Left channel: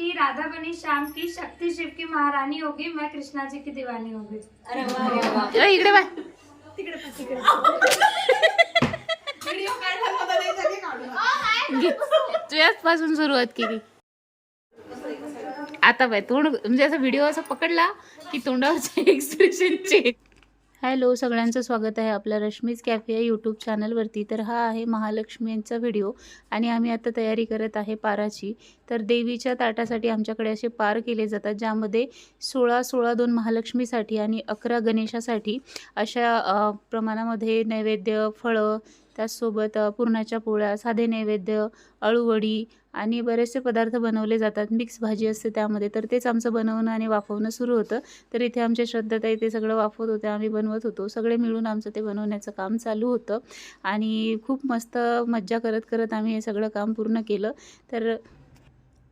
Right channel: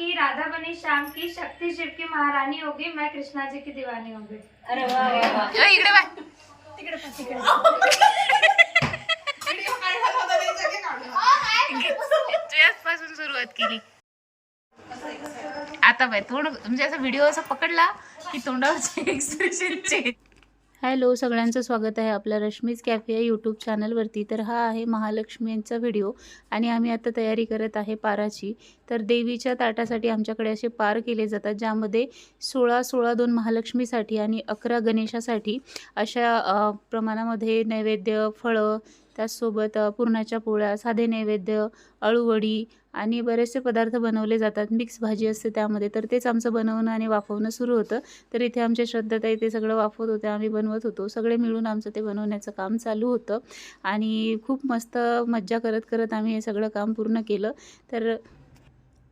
कि राधा बनी श्याम की शक्ति शिव की महारानी होगी मैं कृष्णा जी की दीवानी होगी। अ, इकडे बाय तुझ्याच पासून सुरुवात केली. आता बाय तोंड म्हणजे असा व्हिडिओ असा पकडला की तोंडावरचे एक्सप्रेशन चेंज हॅलो सगळ्यांचं स्वागत आहे आपल्या रश्मीज कॅफे या यूट्यूब चॅनलवरती तर हा आहे महालक्ष्मींचा व्हिडिओ आणि आम्ही आता तयारी करत आहे पाराची. तर देवीच्या ताटासाठी आमच्याकडे असे पार केले जातात ज्यामध्ये सोळा सोळा दोन महालक्ष्मीसाठी आणि अकरा गणेशासाठी अशा प्रमाणामध्ये नैवेद्य फळं त्याचसोबत पुरणाच्या पोळ्या साधे नैवेद्य अळूवडी आणि बरेचसे पदार्थ बनवले जातात. मिक्स भाजी असते त्यामध्ये. तर तेच आमचं बनवणं आणि वाफवणं सुरू होतं. तर इथे आमच्या श्रद्धाताई ते सगळं वाफवत होते. आम्ही बनवत होतो. सगळे मिळून आमचं ते बनवण्याचं काम चालू होतं. आणि खूप मस्त मज्जा करत करत आम्ही हे सगळं काम पूर्ण केलं. तर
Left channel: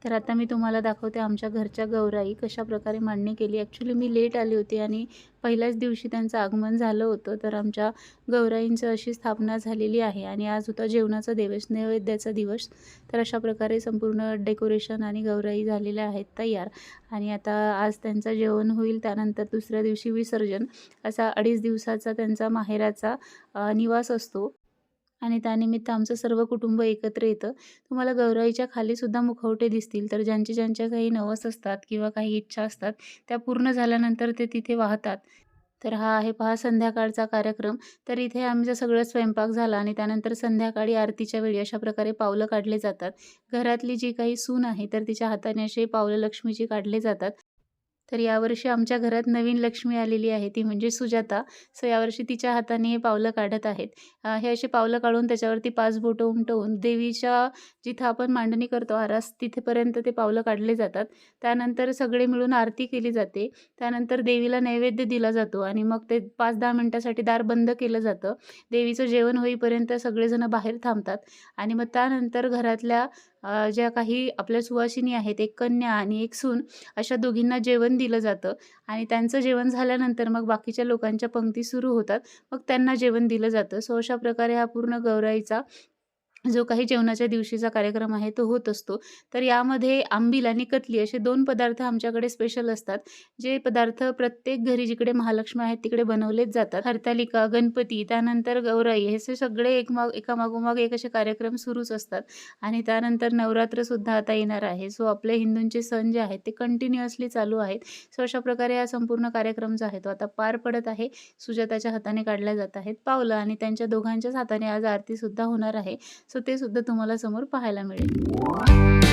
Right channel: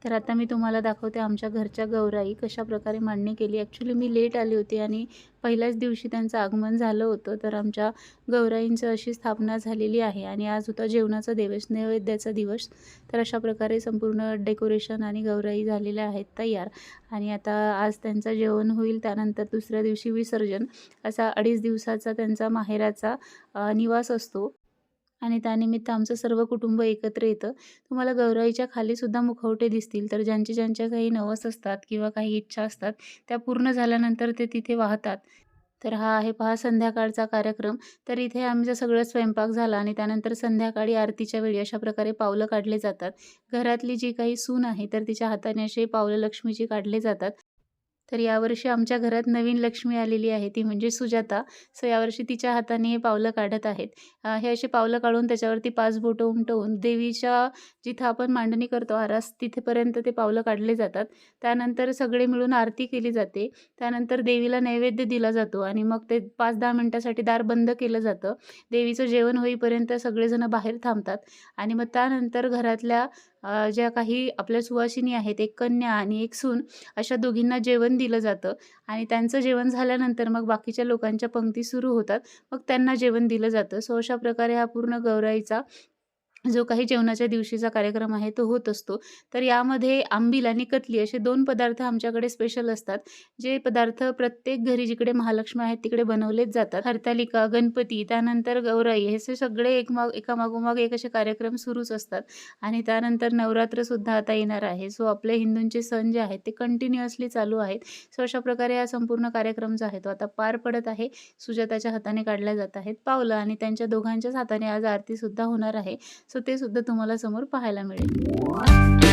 तर आता मी तुम्हाला दाखवते आमच्या घरच्या गौराई कशाप्रकारे मांडणी केली. ॲक्च्युली मी लेट आली होती आणि पहिल्याच दिवशी त्यांचं आगमन झालं होतं. तर आमच्या गौराईंचं अशी स्थापना झालेली आहे आणि आज होता जेवणाचा दिवस नैवेद्याचा दिवस. तर अशा प्रकारे संपूर्ण डेकोरेशन आणि गौराई झालेल्या आहेत तयार. आणि आता आज त्यांचं जेवण होईल त्यानंतर दुसऱ्या दिवशी विसर्जन. असा अडीच दिवसाचा त्यांचा माहेराचा निवास असतो. आणि त्यानिमित्त आमचं सर्व कुटुंब एकत्र येतं. तुम्हाला गौराईच्या खालीसुद्धा मुखवटे दिसतील. तर ज्यांचे ज्यांच्या काही नवस असतात किंवा काही इच्छा असतात त्या पूर्ण झाल्यानंतर ते तिथे वाहतात. तर हा आहे पहा संध्याकाळचा कार्यक्रम. तर इथे आमचा सगळं स्वयंपाक झाला आणि त्यानंतर संध्याकाळी आरतीच्या वेळी अशा प्रकारे पावलं काढले जातात. घरातली जी काही सून आहे तर तिच्या हाताने असे पावलं लक्ष्मीची काढले जातात. तर यावर्षी आमच्या घरात नवीन लक्ष्मी आलेली आहे ती म्हणजे सुजाता. सो यावर्षी तिच्या हाताने हे पावलं काढत आहेत. हे असे पावलं काढून त्याच्यावरती पाच बोटं उमटवून देवीच्या जिथं आपण मांडणी करतो आरास तिथेपर्यंत ते पावलं काढले जातात. त्यानंतर सगळे मिळून आरती केली जाते. त्यानंतर देवीला नैवेद्य दिला जातो आणि मग ते पाच दहा मिनटासाठी दार बंद केलं जातं. देवीचं जेवण होईपर्यंत सगळेजण बाहेर थांबतात आणि मग त्यानंतर घरातल्या ज्या काही आपल्या सुवासिनी आहेत एक कन्या आणि एक सून अशा दोघींना जेवण दिलं जातं आणि त्यांचं जेवण झाल्यानंतर मग बाकीच्या लोकांच्या पंक्ती सुरू होतात. मग त्यांना जेवण दिलं जातं. सो अशा प्रकारे हा पूर्ण गौराईचा जो काही जेवणाच्या दिवशीचा कार्यक्रम आहे तो होत असतो. तर यामध्ये आंबील आणि कतली असे दोन पदार्थ आमच्याकडे स्पेशल असतात. जे पदार्थ प्रत्येक घरी जिकडे महालक्ष्मी आहेत तिकडे बनवलेच जातात. हरतालिका गणपती त्यानंतर गौराई हे असे सगळे एकमाग एकामागोमाग एक असे कार्यक्रम सुरूच असतात. आणि त्यानंतर नवरात्रसुद्धा आता येणार आहे. सो आपले हिंदूंचे सण जे आहेत ते कंटिन्युअसली चालू आहेत. सो अशा प्रकारे हा संपूर्ण कार्यक्रम जो आहे तो आता पार पडत आहे. सुजाताच्या हाताने काढल्या जात आहेत. पावलं आणि त्यांच्या दोघांच्याच हाताने आज आरतीसुद्धा होणार आहे. सो ते सुद्धा तुम्हाला समोर पाहायला मिळेल.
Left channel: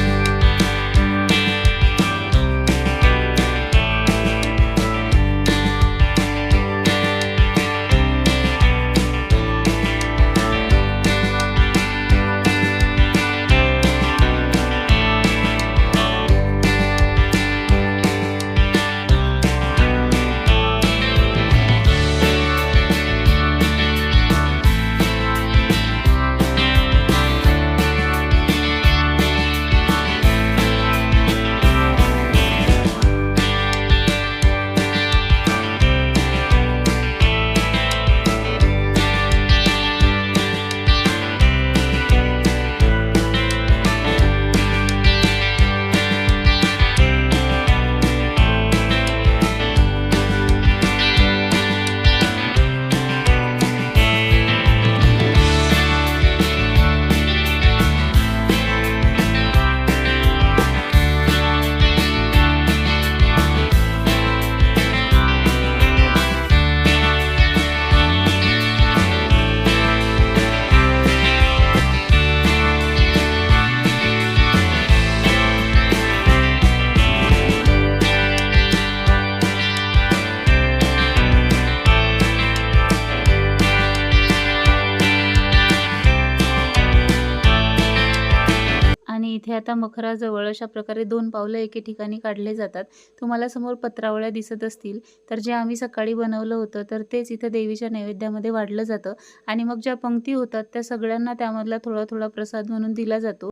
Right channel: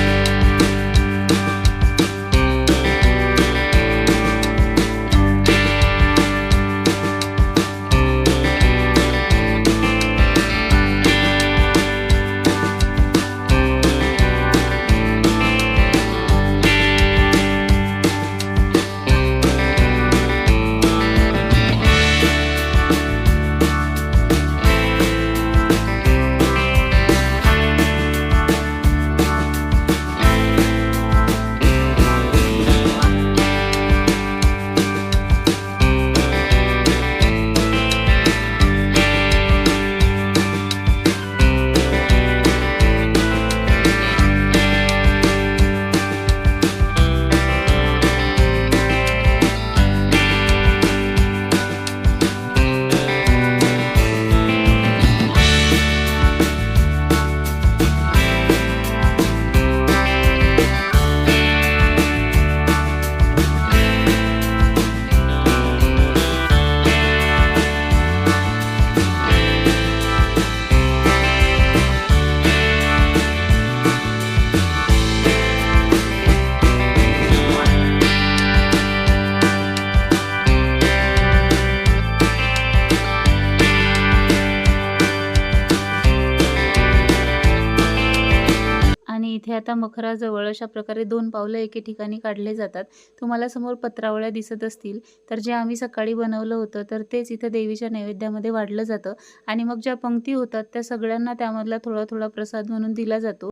आता मखराजवळ अशा प्रकारे दोन पावलं एके ठिकाणी काढले जातात. तुम्हाला समोर पत्रावळ्या दिसत असतील. तर जे आम्ही सकाळी बनवलं होतं तर तेच इथं देवीच्या नैवेद्यामध्ये वाढलं जातं. आणि मग ज्या पंक्ती होतात त्या सगळ्यांना त्यामधला थोडा थोडा प्रसाद म्हणून दिला जातो.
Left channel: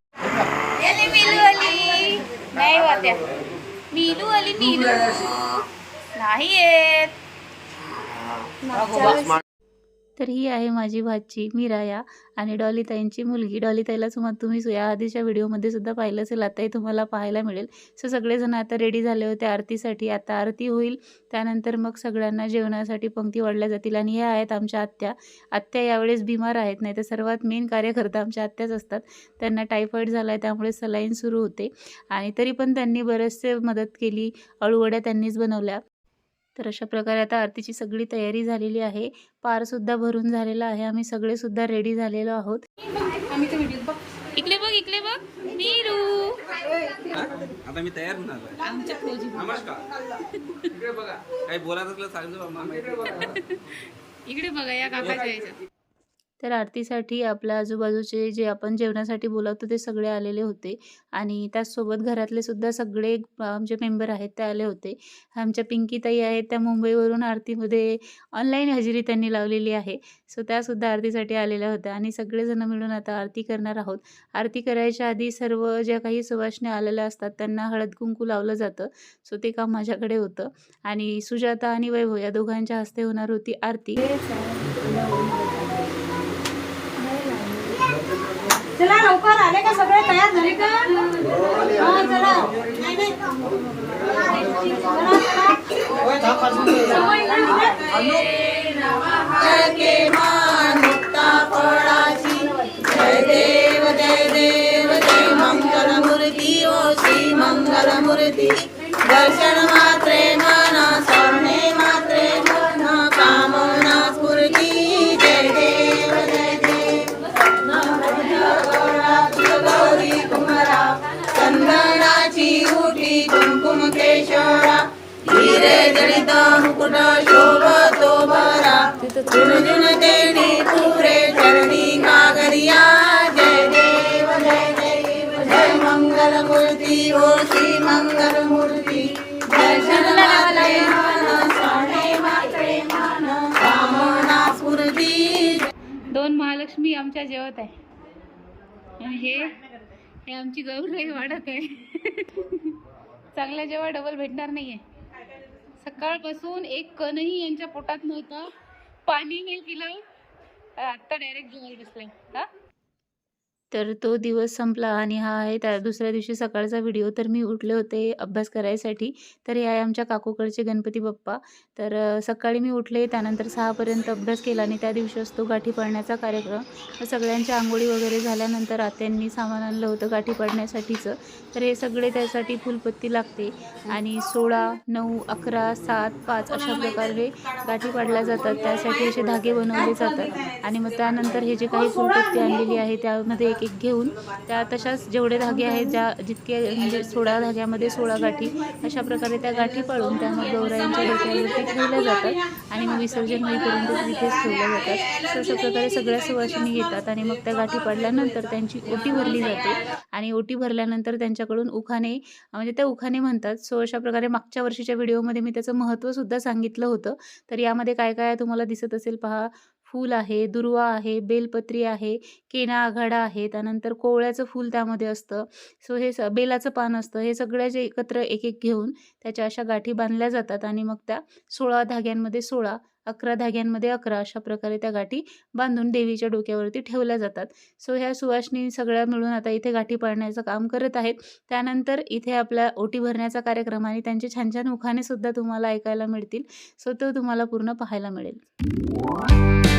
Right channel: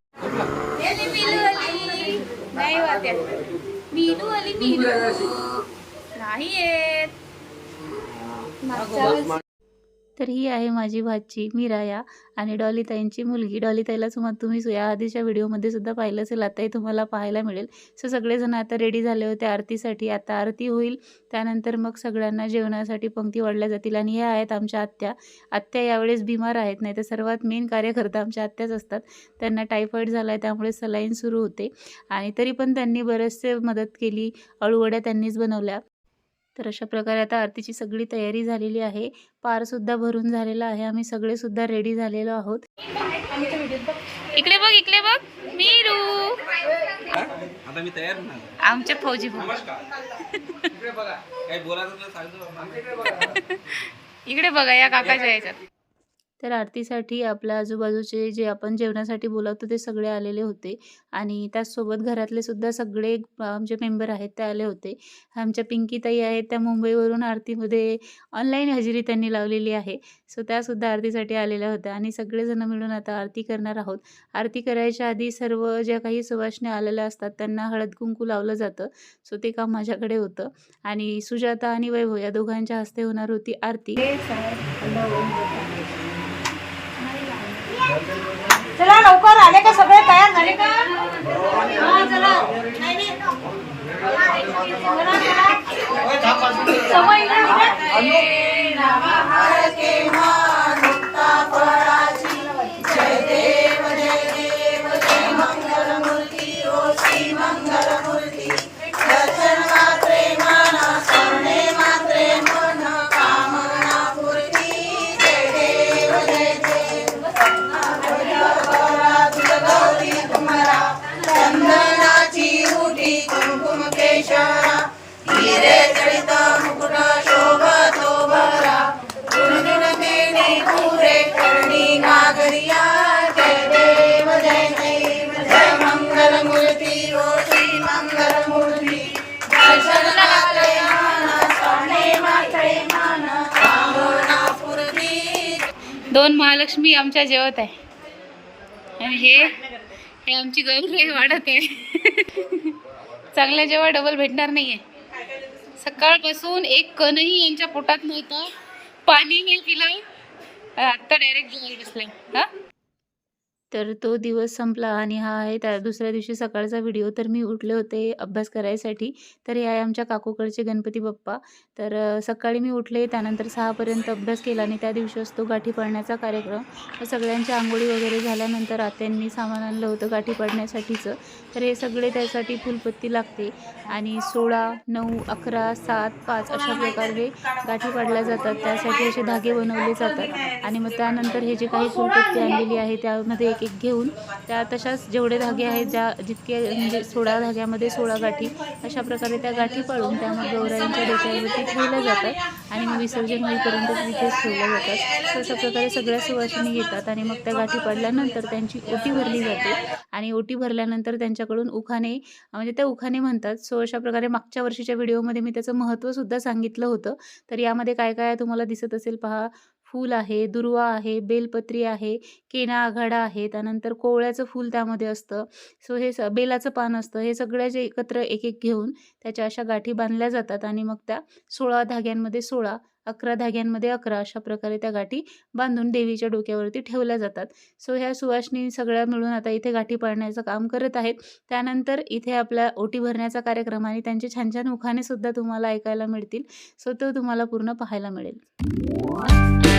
नाही तर ही आहे माझी भाची मीराया आणि डॉलीताईंची मुलगी. डॉलीताईला सुद्धा तुम्ही या आधीच्या व्हिडिओमध्ये सुद्धा पाहिलं असेल. आताही तुम्हाला पाहायला मिळेल. सो सगळेजण आता रेडी झाले होते आरतीसाठी. आता आरती होईल. त्यानंतर मग सगळ्यांना जेवणासाठी पंक्ती वाढल्या जातील. आणि ह्या आहेत आमच्या आत्या. आत्या यावेळेस बिमार आहेत. नाही तर सर्वात मेन कार्यकर्ता आमच्या आत्याच असतात. त्यांना टायफॉईड झाला आहे त्यामुळे सलाईन सुरू होते. आणि तरी पण त्यांनी बरेचसे मदत केली. अळूवड्या त्यांनीच बनवल्या. तर अशा प्रकारे आता आरतीची सगळी तयारी झालेली आहे. पारसुद्धा भरून झालेला आहे. आम्ही सगळे सुद्धा रेडी झालेलो आहोत. इकडे बघ इकडे बघ. मीरू. आता मी तयार होणार. आमचे फौजी इकडे बघा. या काकाच्या याच्यात. तर आरतीसाठी आपल्या आजूबाजूचे जे आपण जेवणासाठी बोलावतो ते सगळे आलेले होते. आणि त्याचसोबत घरातले सुद्धा सगळे आमचे मेंबर आहेत ते आले होते. आमच्या पिंकीताई आहेत त्या मुंबईवरून आरतीमध्ये ऑनलाईन हजेरी त्यांनी लावलेली आहे. सो त्यासुद्धा आरतीसाठी आलेल्या होत्या. आणि सगळेजण मिळून आता आरती करणार आहोत. आरती करायच्या आधी सर्व ज्या काही सुवासने आलेल्या असतात त्यांना हळद कुंकू लावलं जातं. सो ते काम माझ्याकडे होतं. आणि सुजाता आणि वैभव या दोघांच्या हस्ते होणार होती आरती. चला लवकर आले का सगळे तयार झाले का हा, चला. आमच्या जेवत आहे. आणि हे हे आमची गौरी वाढत आहे. चांगल्या जेव्हा डबल भेटणार नाही आहे सकाळपासून एक कणही यांच्या पोटात नव्हतं. पाणी नाही पिलं. आत्ता डायरेक्ट जेवायला बसलं. हा? तर तो दिवस संपला आणि हा आहे त्या दुसऱ्या दिवशी सकाळचा व्हिडिओ. तर मी उठले होते अभ्यास करायसाठी. तर हे आहे आमच्या काकूकडचे गणपती बाप्पा. तर सकाळी मी उठले त्यानंतर सहापर्यंत अभ्यास केला आणि त्या दिवशी असतो गाठी पाडण्याचा कार्यक्रम. सगळ्यांच्या आंघोळी वगैरे झाल्यानंतर आत्यांनी सामान आणलं होतं गाठी पाडण्यासाठीचं. तर हे सगळे त्यासाठी फुलपत्ती लागते आणि सोळा नऊ अकरा सात पाच अशा प्रकारे गाठी पाडल्या जातात. त्यासाठी असे धागे बनवले जातात. आणि मग त्यानंतर हे जे काही फुलपत्ती आणलेली आहे त्यामध्ये एक एक घेऊन त्या तशाच जेवढे धागे आहेत ज्या जितके म्हणजे सोळा धाग्यामध्ये सोळा गाठी अशा प्रकारे त्या गाठी पाळून त्या मग गौराईंच्या डोक्यावरती ठेवल्या जातात आणि मग विसर्जन होईपर्यंत तिथेच ठेवल्या जातात. सो अशा प्रकारे सगळ्या सुवासिनी येतात आणि मग त्या गाठी पाडल्यानंतर त्यांची ओटी भरली जाते आणि ओटी भरल्यानंतर त्यांच्याकडून उखाणे म्हणजे त्या उखाणे म्हणतात. सो अशा प्रकारे मागच्या वर्षीच्या व्हिडिओमध्ये मी त्याचं महत्त्वसुद्धा सांगितलं होतं. तर यामध्ये काय काय तुम्हाला दिसत असेल पहा. फूल आहे दुर्वा आहे बेलपत्री आहे केना आघाडा आहे त्यानंतर कोवळ्याचं फूल त्यामध्ये असतं. सो हे स बेलाचं पान असतं. हे सगळ्या जे एकत्र एक एक घेऊन त्याच्या अशा गाठी बांधल्या जातात आणि मग त्या सोळा धाग्यांमध्ये सोळा अकरा धाग्यांमध्ये अकरा अशा प्रकारे त्या गाठी बांधून देवीच्या डोक्यावरती ठेवल्या जातात. सो ह्या सुवासिनी सगळ्या मिळून आता इथे गाठी पाडण्याचं काम करत आहेत. त्यानंतर इथे आपल्या ओटी भरण्याचा कार्यक्रम आणि त्यांचे छान छान उखाणे सुद्धा तुम्हाला ऐकायला मिळतील. सो तो तुम्हाला पूर्ण पाहायला मिळेल.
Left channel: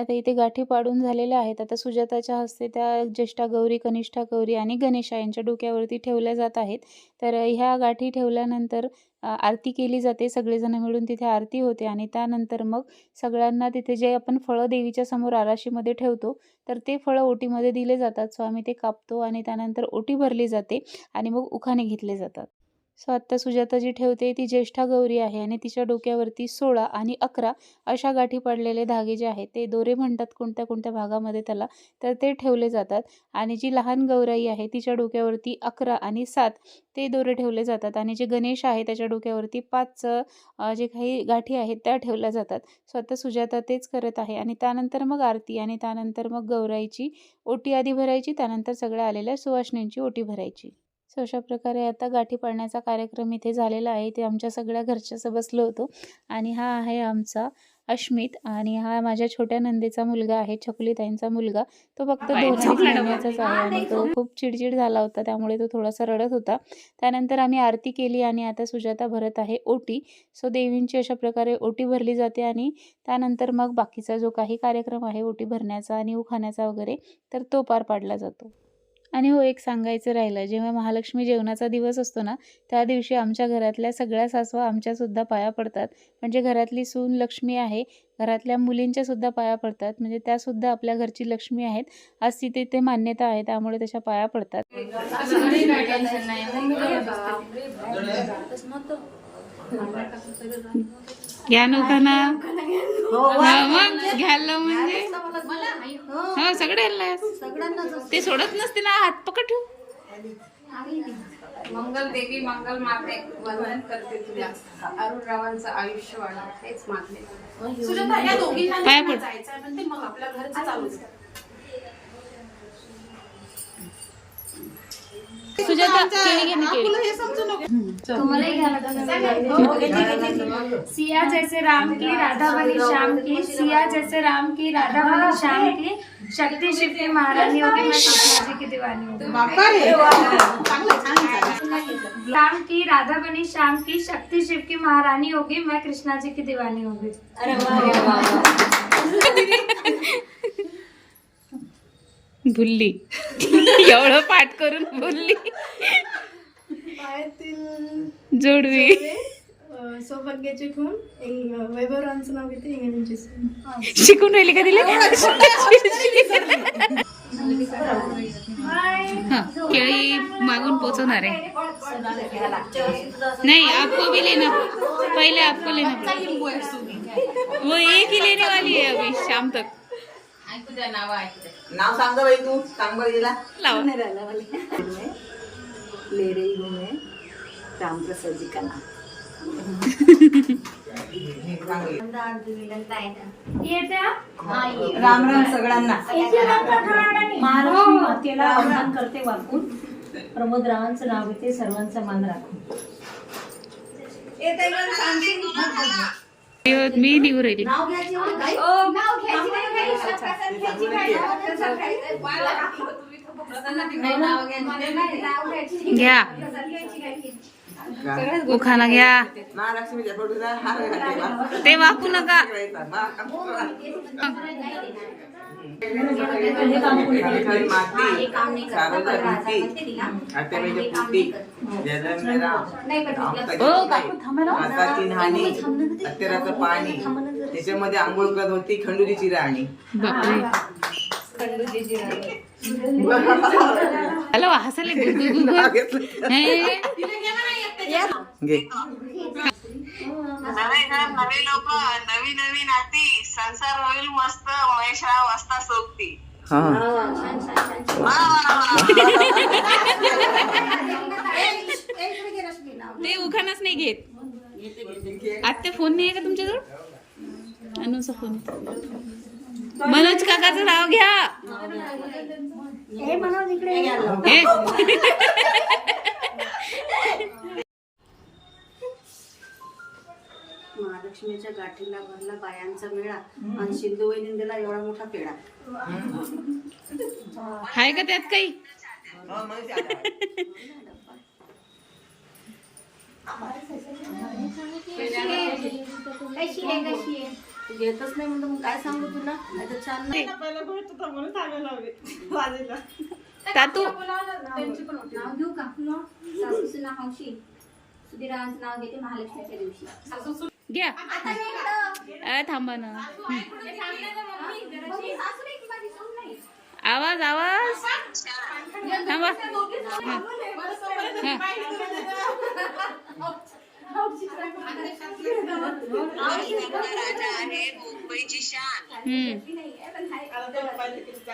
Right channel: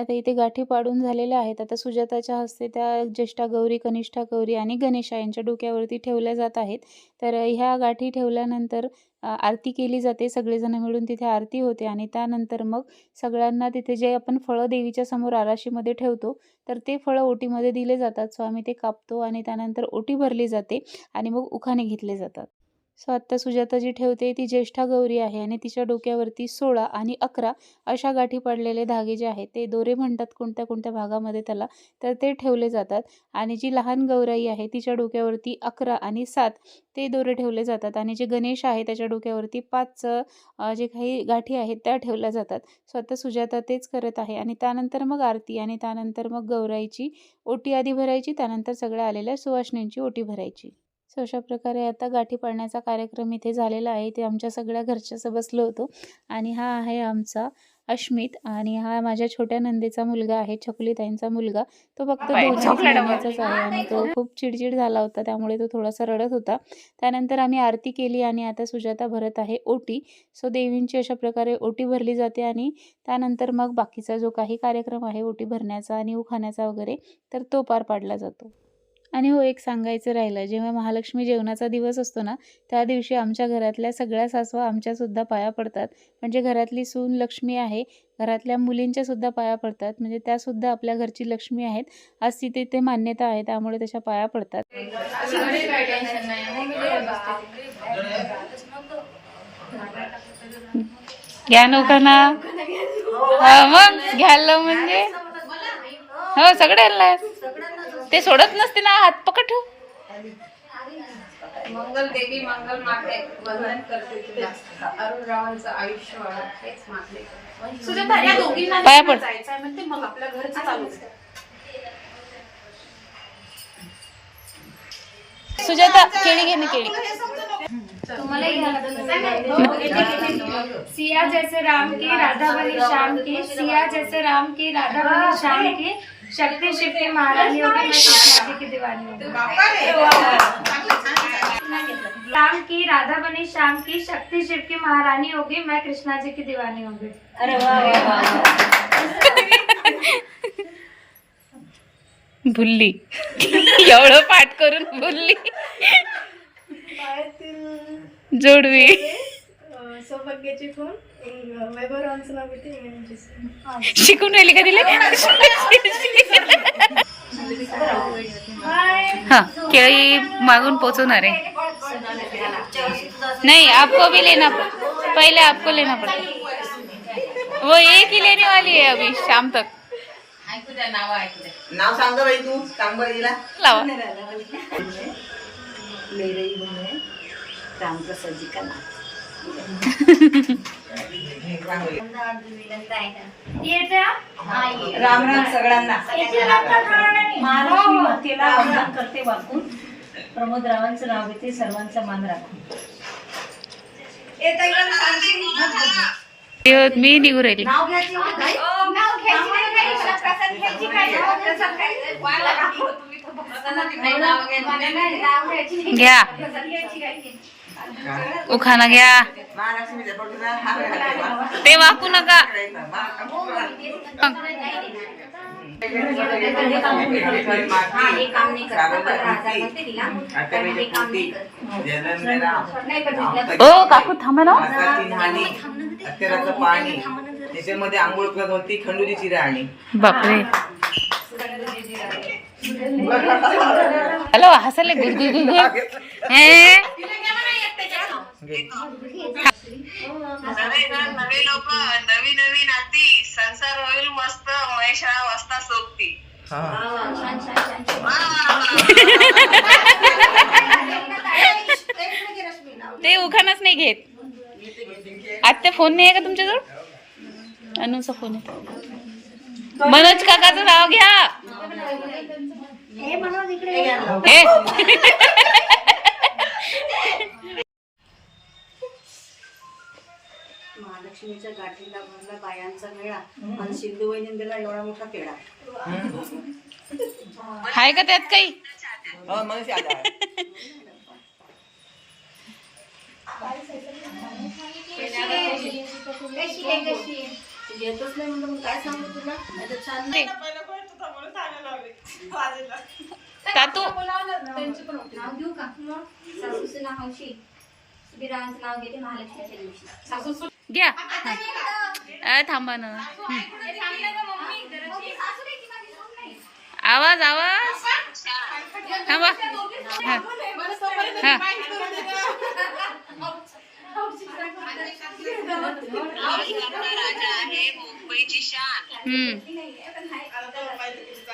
आता इथे गाठी पाडून झालेल्या आहेत. आता सुजाताच्या हस्ते त्या ज्येष्ठा गौरी कनिष्ठा गौरी आणि गणेशा यांच्या डोक्यावरती ठेवल्या जात आहेत. तर ह्या गाठी ठेवल्यानंतर आरती केली जाते. सगळेजण मिळून तिथे आरती होते आणि त्यानंतर मग सगळ्यांना तिथे जे आपण फळं देवीच्या समोर आराशीमध्ये ठेवतो तर ते फळं ओटीमध्ये दिले जातात. सो आम्ही ते कापतो आणि त्यानंतर ओटी भरली जाते आणि मग उखाणे घेतले जातात. सो आत्ता सुजाता जी ठेवते ती ज्येष्ठा गौरी आहे आणि तिच्या डोक्यावरती सोळा आणि अकरा अशा गाठी पडलेले धागे जे आहेत ते दोरे म्हणतात कोणत्या कोणत्या भागामध्ये त्याला तर ते ठेवले जातात. आणि जी लहान गौराई आहे तिच्या डोक्यावरती अकरा आणि सात ते दोरे ठेवले जातात. आणि जे गणेश आहे त्याच्या डोक्यावरती पाच जे काही गाठी आहेत त्या ठेवल्या जातात. सो आता सुजाता तेच करत आहे आणि त्यानंतर मग आरती आणि त्यानंतर मग गौराईची ओटी आधी भरायची त्यानंतर सगळ्या आलेल्या सुवासिनींची ओटी भरायची. सो अशा प्रकारे आता गाठी पाडण्याचा कार्यक्रम इथे झालेला आहे. ते आमच्या सगळ्या घरच्याचं बसलो होतो. आणि हा आहे आमचा अश्मित आणि हा माझ्या छोट्या नंदेचा मुलगा आहे छकुलीताईंचा मुलगा. तो फक्त दोन महिन्याचाच आहे आणि तो खूप चिडचिड झाला होता. त्यामुळे तो थोडासा रडत होता. त्यानंतर आम्ही आरती केली आणि आता सुजाता भरत आहे ओटी. सो देवींची अशा प्रकारे ओटी भरली जाते आणि त्यानंतर मग बाकीचा जो काही कार्यक्रम आहे ओटी भरण्याचा आणि उखाण्याचा वगैरे तर तो पार पाडला जातो. आणि हो एक सांगायचं राहिलं. जेव्हा महालक्ष्मी जेवणाचा दिवस असतो ना त्या दिवशी आमच्या घरातल्या सगळ्या सासवा आमच्यासुद्धा पाया पडतात. म्हणजे घरातली सून लक्ष्मी आहे घरातल्या मुलींच्या सुद्धा पाया पडतात. म्हणजे त्यासुद्धा आपल्या घरची लक्ष्मी आहेत. अशी तिथे मान्यता आहे त्यामुळे तशा पाया पडतात. घ्या नौकाना हा मग घ्यायला म्हणजे. हो सगळ्यांना ते सोडत नसते ना हात पकड ठेव. मंगल देवी मंगल माते वंदन करते तुला. अरुण रावांचं आयुष्य वाढ हेच मागणे पाया पड. म्हणजे मग आपल्या घरचं चालू. सुजाता केळी घे ना केळी. तुम्हारा सिया जैसे राम की राधा बनी श्याम की सिया जैसे राम की राधा बनी श्याम की. शक्ति शिव की? महारानी होगी मैं कृष्णा जी की दीवानी होगी राम की राधा बनी श्याम की शक्ति शिव की महारानी होगी मैं कृष्णा जी की दीवानी होगी. भुलली. एवढं पाठ करून भुलली. जोडवी. नाव घेते. शिकून राहिली का तिला? हा केळी मागून पोचवणार आहे. नहीं आपको भी लेना पहले आपको लेना पड़ेगा वो एक ही लेने वाली है अभी शाम तक. नाव सांग बाई तू सांग लावा. मेरे ही गुण है रामप्रसाद जी का नाम. क्या राम राम सगळ्यांना. महालक्ष्मी मातेला वंदन करते वाकून प्रमोद रावांचं नाव घेते सर्वांचा मान राखून. मी निघू राहिली. घ्या. उखाना घ्या. ते वाकू नका. ओ काकू थांबा ना. अत्तराचं पाणी. त्याच्यामध्ये आंघोळ करत होती खंडूजीची राणी. बापरे. हॅलो हसले गुड गुड गुड गुड हे घे. नवे घर नवे लोक नवी नवी नाती संसार होईल मस्त महेशा वाजता सोबती. हा. वा वा वा ते उखाणच नाही घेत. आत्या फोन नाही आहे का तुमच्याजवळ? अनुचा फोन आहे. मनोज काकाचं नाव घ्या. हे. महालक्ष्मीच्या गाठीला भरला बायांचा मेळा आणि सिंधू वहिनींना एवढा मोठा पेढा. आहे का त्यात काही? हो, घेतच नाही म्हणतो मग काय सांगू तुला? नाही तर छान नाही. तातू. नाव घेऊ का? सासूचं नाव हौशी सुधीरावांचं नाव घेते महालक्ष्मीच्या दिवशी. घ्या. अ, थांबा ना. आवाज आवाज. थांबा. लालबागचा राजा आहे. मुंबईची शान हम्म.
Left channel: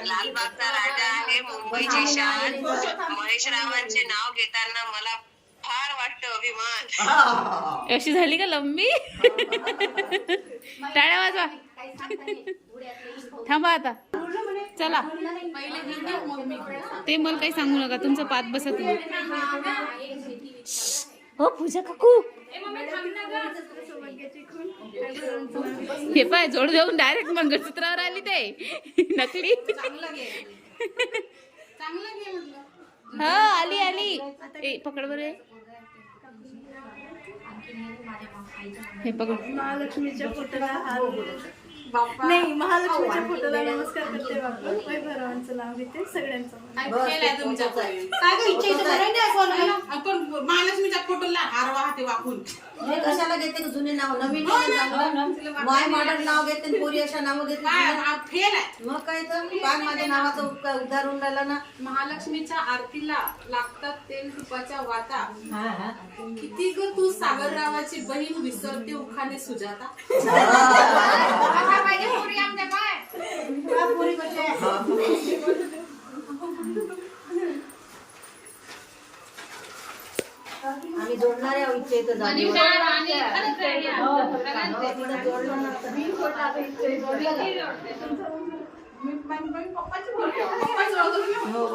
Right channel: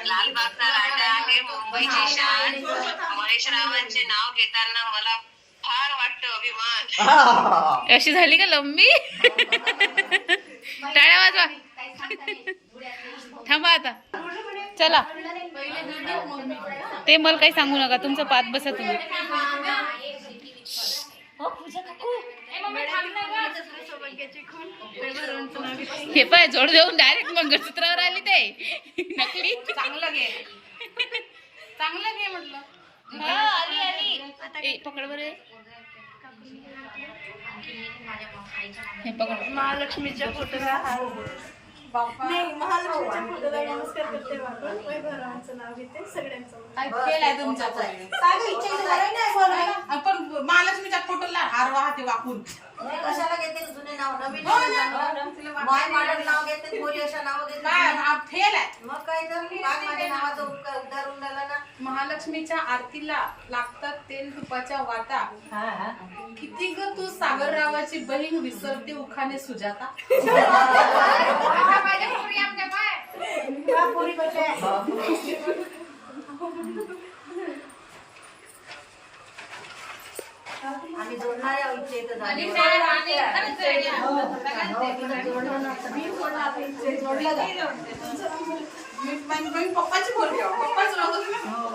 लालबागचा राजा आहे मुंबईची शान. महेश रावांचे नाव घेताना मला फार वाटतं अभिमान. अशी झाली का लंबी? टाळ्या वाजवा. थांबा आता. चला. ते मला काही सांगू नका. तुमचं पात बसा तुम्ही. हो पूजा काकू. हे पाय जोड देऊन डायरेक्ट मंगळसूत्रावर आली ते. नकली. चांगलं घे. चांगलं घे म्हटलं. हा आली आली. ए पकड बरे. हे पकड. महालक्ष्मीच्या फोटोला हा नाही महालक्ष्मीच्या फोटोला नमस्कार करते बापू वैभवरावांचं नाव घेते सगळ्यांचं नाव. काय केलंय तुमच्याकडे काय गं, इच्छा इथं बरं नाही बोलायला? पण महालक्ष्मीच्या फोटोला हार वाहते वाकून. हे कशाला घेते का जुने नाव? नवीन माय मॉडर्न नाव घेते आणि पोरी अशा नाव घेते. काय हा फेल आहे. मग काय तर काय माझ्या नावाचा उपकार उद्धार होऊन राहिला ना. महालक्ष्मीच्या आरतीला लागतात तेल तुपाच्या वाता किती ग तू सागररावाची बहीण विसरते उखाने सुजाता? आम्ही जोडणारे आहोत इथे जागेवर. हो, हो? पप्पाची. पप्पाच. हो.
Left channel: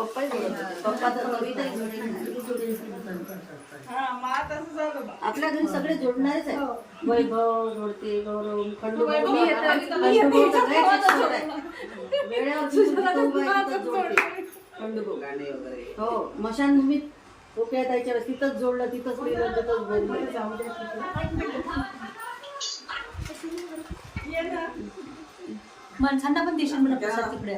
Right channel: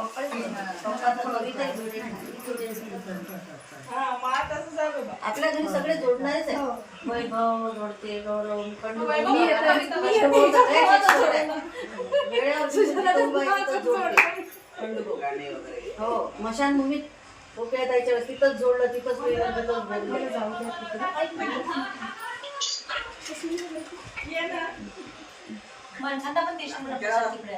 पप्पाचं मुलगी जोडेल. आपल्या घरी सगळे जोडणारेच आहे वैभव जोडते गौरव खंडू वैभव मी जोडते. खंडू हो मशानभूमीत पोक्या जायच्या वेळेस तिथंच जोडलं तिथंच गेलं तिथंच बोललं. द्या माणसांना पण देशात तिकडे.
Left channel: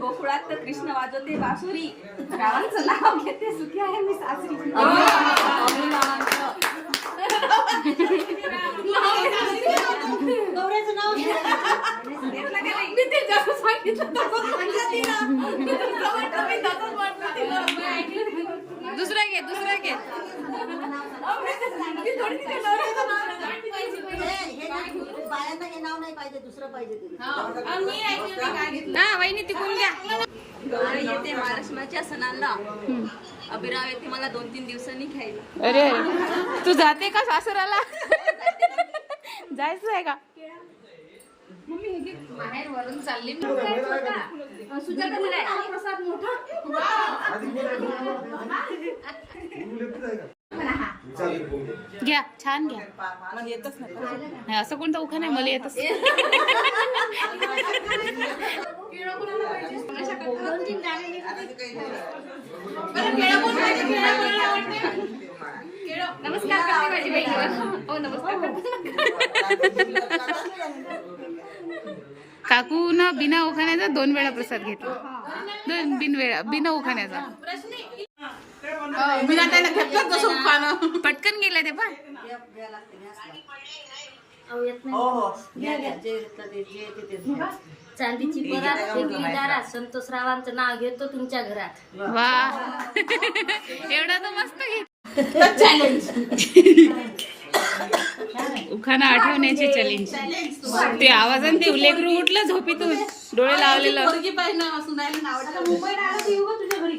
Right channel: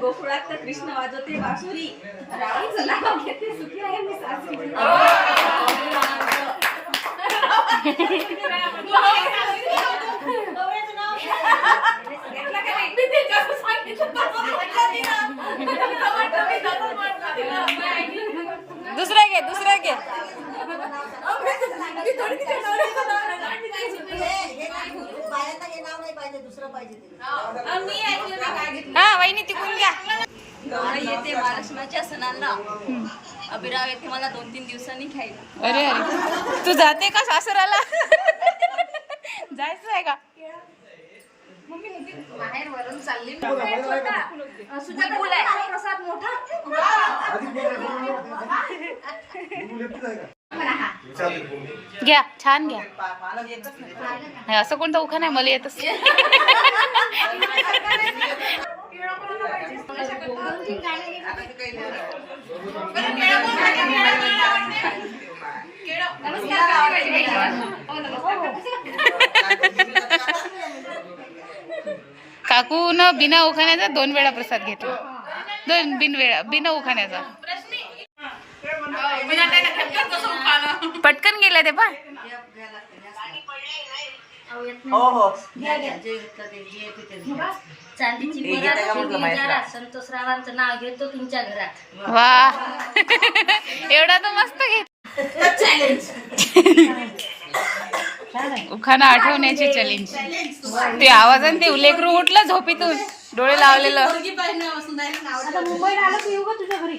गोकुळात तर कृष्ण वाजवते बासुरी. रावांचं नाव घेते सुखी आहे मी सासरी. नवऱ्याचं नाव दुसरा घे दुसरा घे. हे नाही, बायांना नाव नाही पाहिजे दुसरं पाहिजे तिला मी ऐकलं ते काय घेतलं वहिनी तिकून घ्या. येते महालक्ष्मीच्या सणाला. अभिराव येते मला दोन तीन दिवसांनी घ्यायला. अरे अरे. तू जाते का सासराला जायचं आहे का? बाहेर वरून चालली. प्रसाद मोठा घ्या छान घ्या. नाही, असं कोणतं उखा नाही मला येतच काकू बिना उखाण्याचा दोन वेळा प्रसाद घेतला. दोन बिन वेळा बिना उखाण्याचा. पटकन गेला ते पण. हो हो. ते ते. चांदीची संतोष रावांचं नाव घेतो तुमच्या घरात. वा. एवढा तर मस्त घेत उखाणा आठवण्याचे चॅलेंज ते आवाजाने ते लेकरू उठलं झोपीतून. डोळे लावलेलं. मुंबईला आलं. तुझ्या घरी?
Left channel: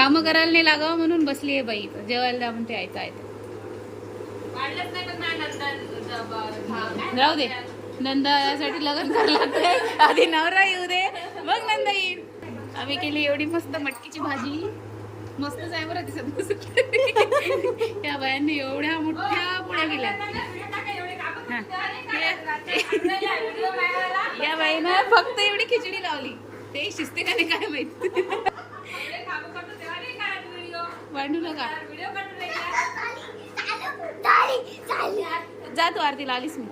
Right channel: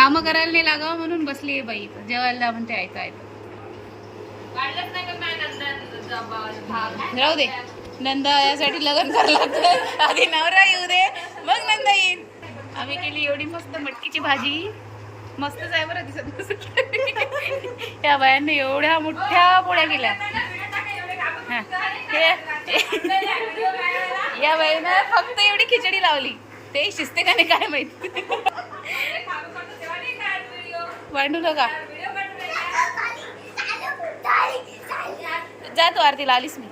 काम करायला नाही लागावं म्हणून बसली आहे बाई. जेवायला म्हणते आयतं आयतं. राहू दे. नंदा यासाठी लग्न करायला लागते आधी नवरा येऊ दे मग नंदा येईल आम्ही केली एवढी मस्त मटकीची भाजी. मस्तच आहे बरं दिसत. या बायांनी एवढ्या मोठ्या पोळ्या केल्या. या बाईनं फक्त एवढी खिचडी लावली. ते शिजते का नाही काय माहीत. भांडू नका. जातो आरतीला आलीस मी.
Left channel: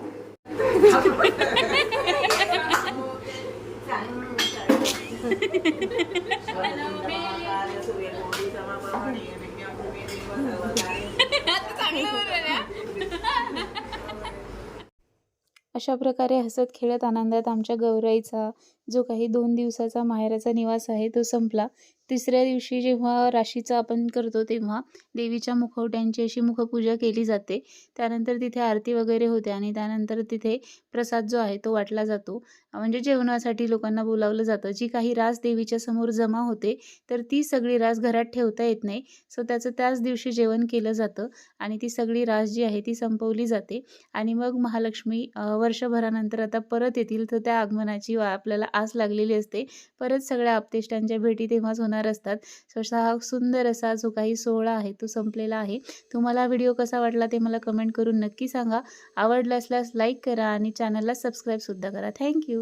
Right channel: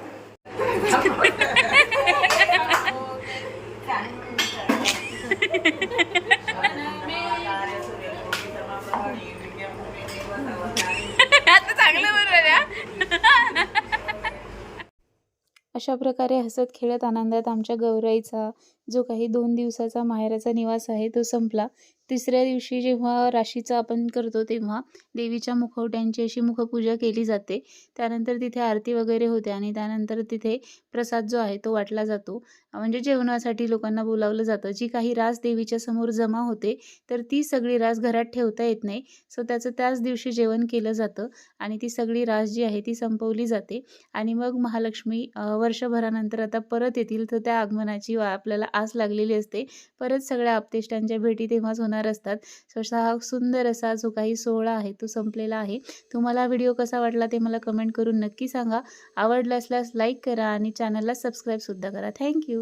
आता चांगलं बरोबर अशा प्रकारे हसत खेळत आनंदात आमच्या गौराईचा जो काही दोन दिवसाचा माहेराचा निवास आहे तो संपला. तिसऱ्या दिवशी जेव्हा राशीचा आपण करतो तेव्हा देवीच्या मुखवट्यांची अशी मुखपूजा केली जाते. त्यानंतर तिथे आरती वगैरे होते आणि त्यानंतर तिथे प्रसाद जो आहे तो वाटला जातो. म्हणजे जेवणासाठी लोकांना बोलावलं जातं. जी काही रास देवीच्या समोर जमा होते तर ती सगळी रास घरात ठेवता येत नाही. सो त्याचं त्याच दिवशी जेवण केलं जातं आणि ती सगळी रास जी आहे ती संपवली जाते. आणि मग महालक्ष्मी वर्षभरानंतर आता परत येतील तर त्या आगमनाची वा- आपल्याला आस लागलेली असते. परत सगळ्या आपतेष्टांच्या भेटी तेव्हाच होणार असतात. सो हा सुंदर असा जो काही सोहळा आहे तो संपलेला आहे. तुम्हाला व्हिडिओ कसा वाटला ते मला कमेंट करून नक्की सांगा. आवडला असल्यास लाईक करा आणि चॅनलला सबस्क्राईबसुद्धा करा. थँक्यू